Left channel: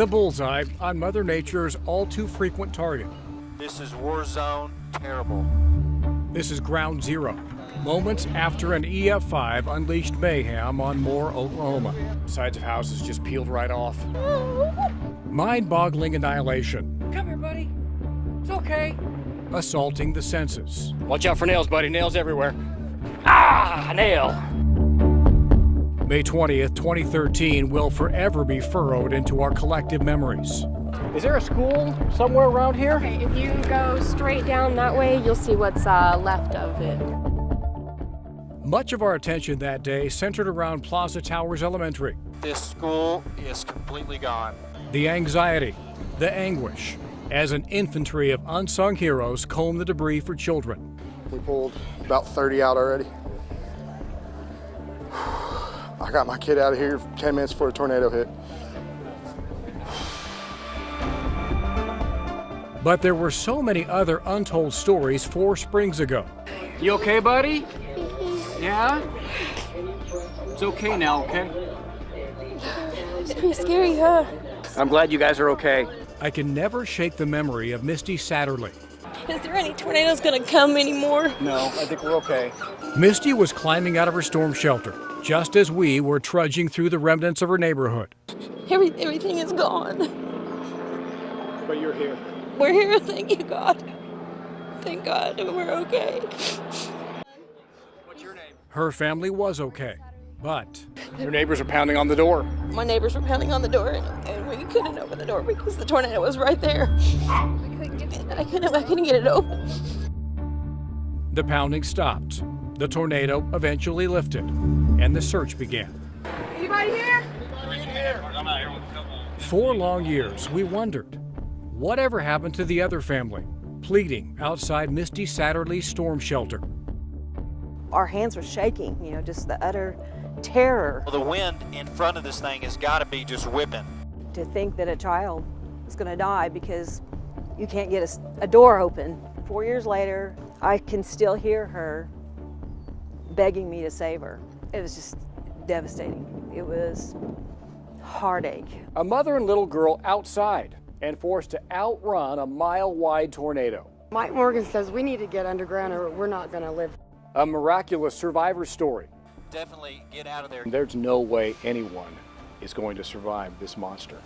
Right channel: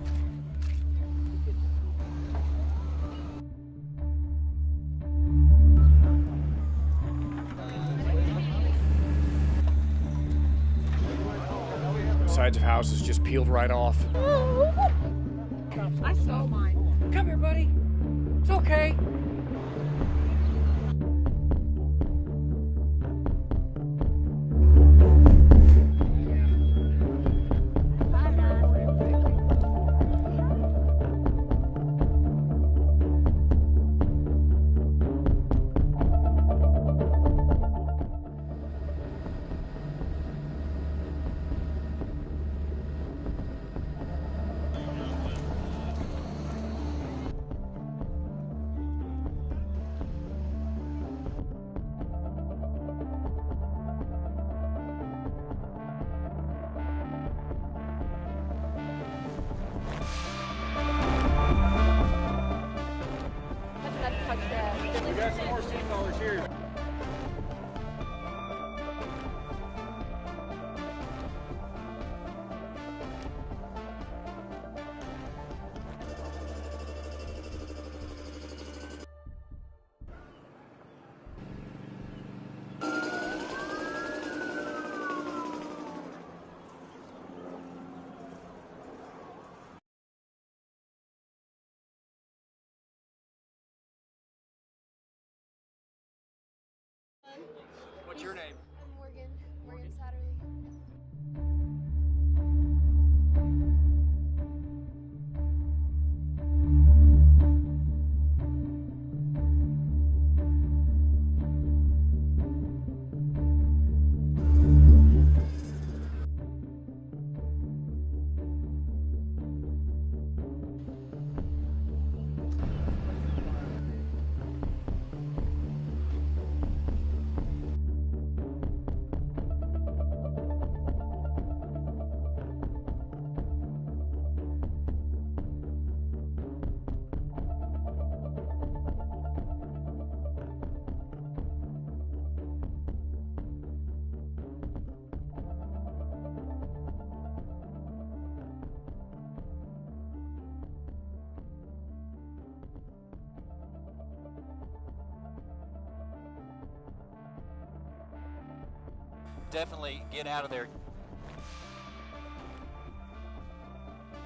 The bullseye on Mother Nature's all too frequent target. This is war zone, terrible. This is ground zero, moments after an EF5 unleashed mayhem on Moore, Oklahoma. Sides of houses just peeled right off. Mind-boggling annihilation. Come here, buddy. It's okay. Assaulting the senses. Watch out for nails, buddy. Nails everywhere. Ah, nail. May 20th, 2013 will forever be furrowed into our collective memories. Is there a school somewhere around here? Okay, if you go straight down that way, you'll see what's left of it. Much of our attention that day centered around Plaza Towers Elementary. This school is completely gone. The anxiety, the anguish, as an infantry of unsung heroes comb the debris for children. We pulled about 30 out already. I got my kid out of here 10 minutes before the tornado hit. But there were so many other untold stories 4 springs ago. You okay, buddy? Yeah? It's okay now, okay? It's pretty scary, huh? I'm glad you guys are okay. I can never shake the memory of Misty Satterley. Is there any tornadoes gonna come anymore? No, I think we're okay. Misty was climbing out of her storm shelter, just as we were trudging through the remnants of her neighborhood. Everything is gone. But you're here. We're here, thank you, God. Thank God we're okay. What's your name? Her family was okay, but Your neighbors are pounding on the door. My neighbors were pounding on the door, and we couldn't open the door because the tornado was right there. I couldn't get it open. the pounding stopped. The tornado eventually lifted, and the search began. Anybody here? 4 long years, we wondered, whatever happened to the other family, pleading outside Misty Satterley's storm shelter. Our hands were shaking, just the utter terror. Well, the wind in front of this thing has got to be just whipping. To think that a child is going to die because you can't get a door open. 4 years later, I can still hear her begging me to save her. It was just devastating. It was heartache. A mother and little girl outside and forced to outrun a mile-wide tornado. Mike Morgan says we need to get underground or we're not going to live. A miraculous survivor story. Definitely get out of there. There's no way anyone is going to survive this monster.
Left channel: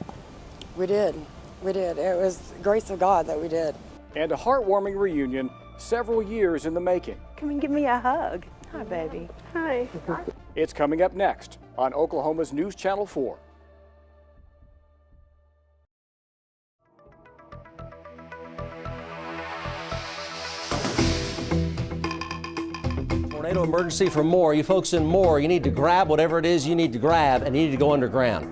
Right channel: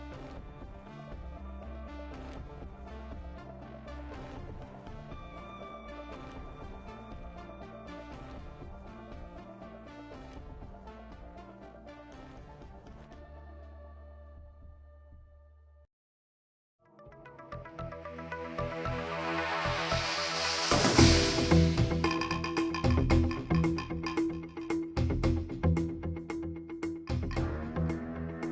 We did. We did. It was the grace of God that we did. And a heartwarming reunion several years in the making. Come and give me a hug. Hi, baby. Hi. It's coming up next on Oklahoma's News Channel 4. Tornado emergency for Moore. You folks in Moore, you need to grab whatever it is you need to grab and you need to go underground.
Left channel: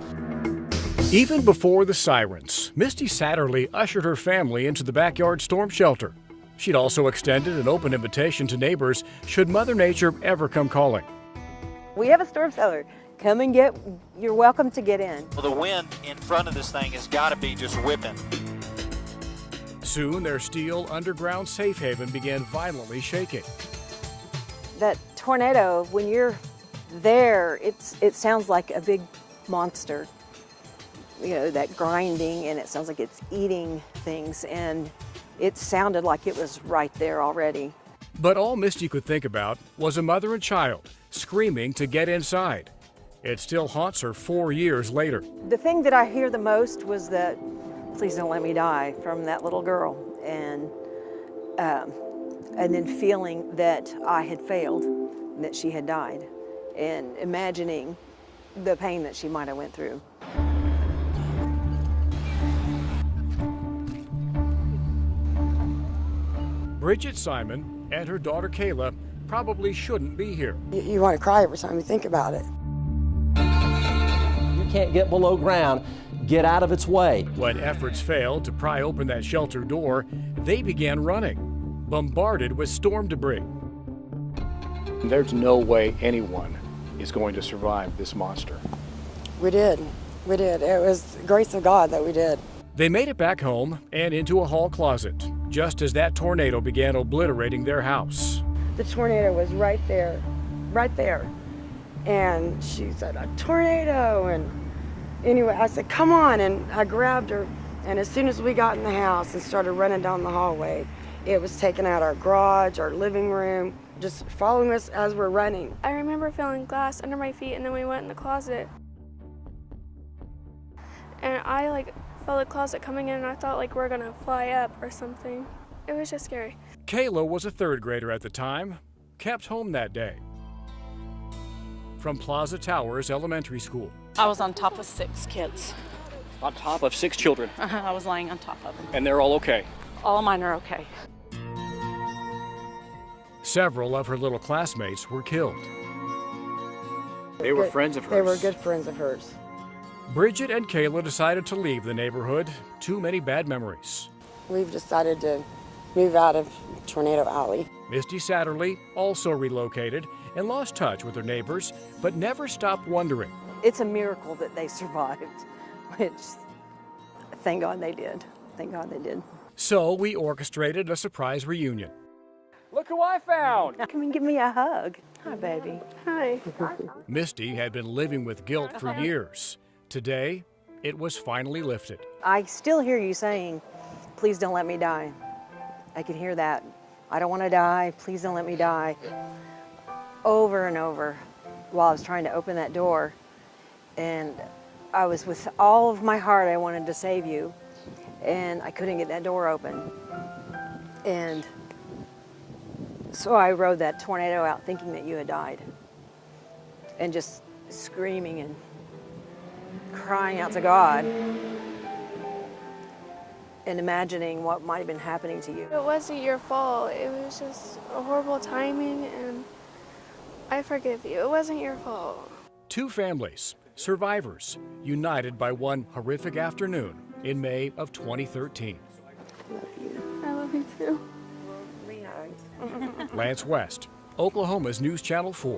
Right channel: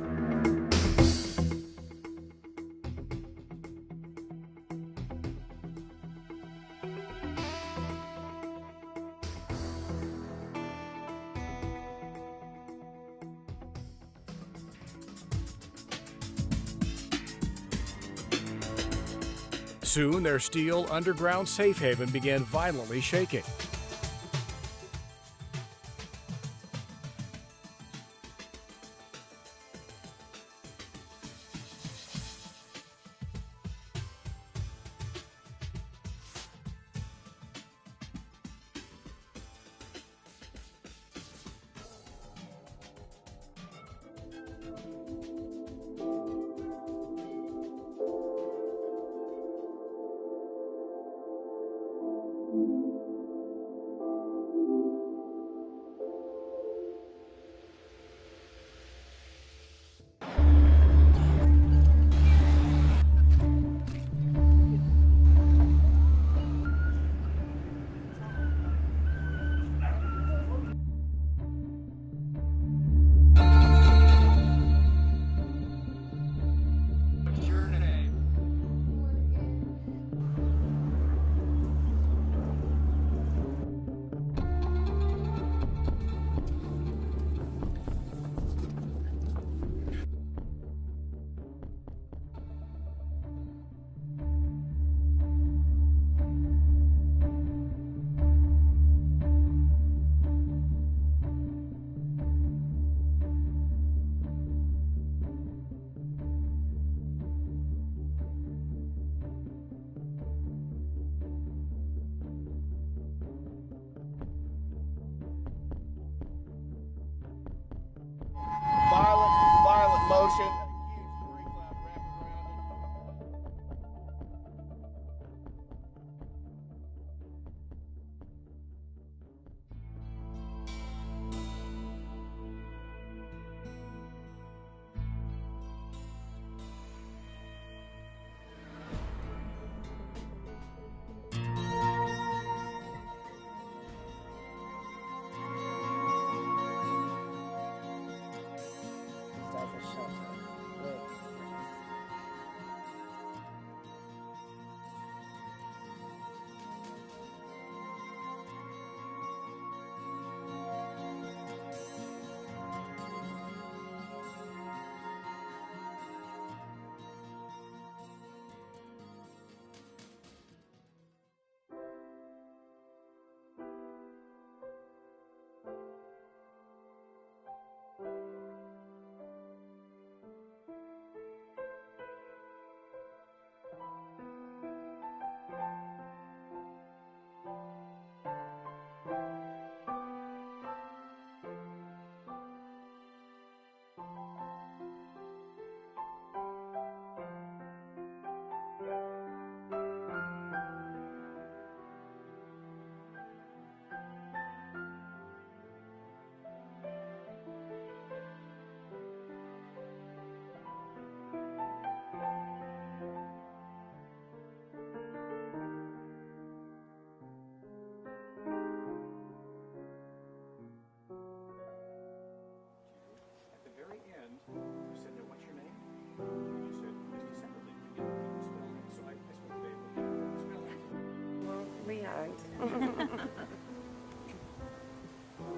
Even before the sirens, Misty Satterley ushered her family into the backyard storm shelter. She'd also extended an open invitation to neighbors should Mother Nature ever come calling. We have a storm cellar. Come and you're welcome to get in. Well, the wind in front of this thing has got to be just whipping. Soon, their steel underground safe haven began violently shaking. That tornado, when you're there, it sounds like a big monster. That grinding, and it sounds like it's eating things, and it sounded like it was right there already. But all Misty could think about was a mother and child screaming to get inside. It still haunts her 4 years later. The thing that I hear the most was that, "Please don't let me die," from that little girl, and then feeling that I had failed, that she had died, and imagining the pain that she might have went through. Bridget Simon and her daughter Kayla probably shouldn't be here. You want to cry every time you think about it. You can't get below ground. Get out of its way. When efforts failed to pry open that shelter door, they began running, bombarded with storm debris. There's no way anyone is going to survive this monster. We did. We did. It was the grace of God that we did. They made it back home and into a hall closet, just as that tornado began obliterating their house. The tornado was right there. And she said, "A tornado!" And Anyway, I said, come on, and I grabbed her, and as soon as we got in the house and started running down the hallway, it was taking out our garage, our living room, just following us as we're running. I remember feeling glass under my feet, and then we went in the closet. Violent motion. And I felt the closet coming in, and I thought we're gonna fly up or something. It was just scary. Kayla was a third grader at the time, kept home that day. From Plaza Towers Elementary School. I was on top of 6 kids. On top of 6 children. I was lying on top of them. And they're all okay. All of mine are okay. Several of her little classmates were killed. They were friends of hers. They were good friends of hers. Bridget and Kayla decided to leave the neighborhood. Too many bad memories. We've decided to move out of Tornado Alley. Misty Satterley also relocated and lost touch with her neighbors, but never stopped wondering. It's a miracle that they survived, which thank God they did. Thank God they did. So we orchestrated a surprise reunion. Look who I found! Come and give me a hug. Hi, baby. Hi. Misty had been living with guilt for years. Today, it was finally lifted. I still hear you saying, please don't let me die. I can hear that. I don't want to die. Please don't let me die. Over and over while I was trying to open that door. And I was with all of my heart, I wanted to save you. And I couldn't get that door open. And so I rode that tornado out thinking that you had died. And just screaming and crying out to God. And imagining what might have been happening to you. It wasn't your fault. It was just a horrible timing, and I forgive you. It wasn't your fault. Two families, survivors, united by one horrific afternoon in May of 2013. I love you too. We hugged. Lance West, Oklahoma's News Channel 4.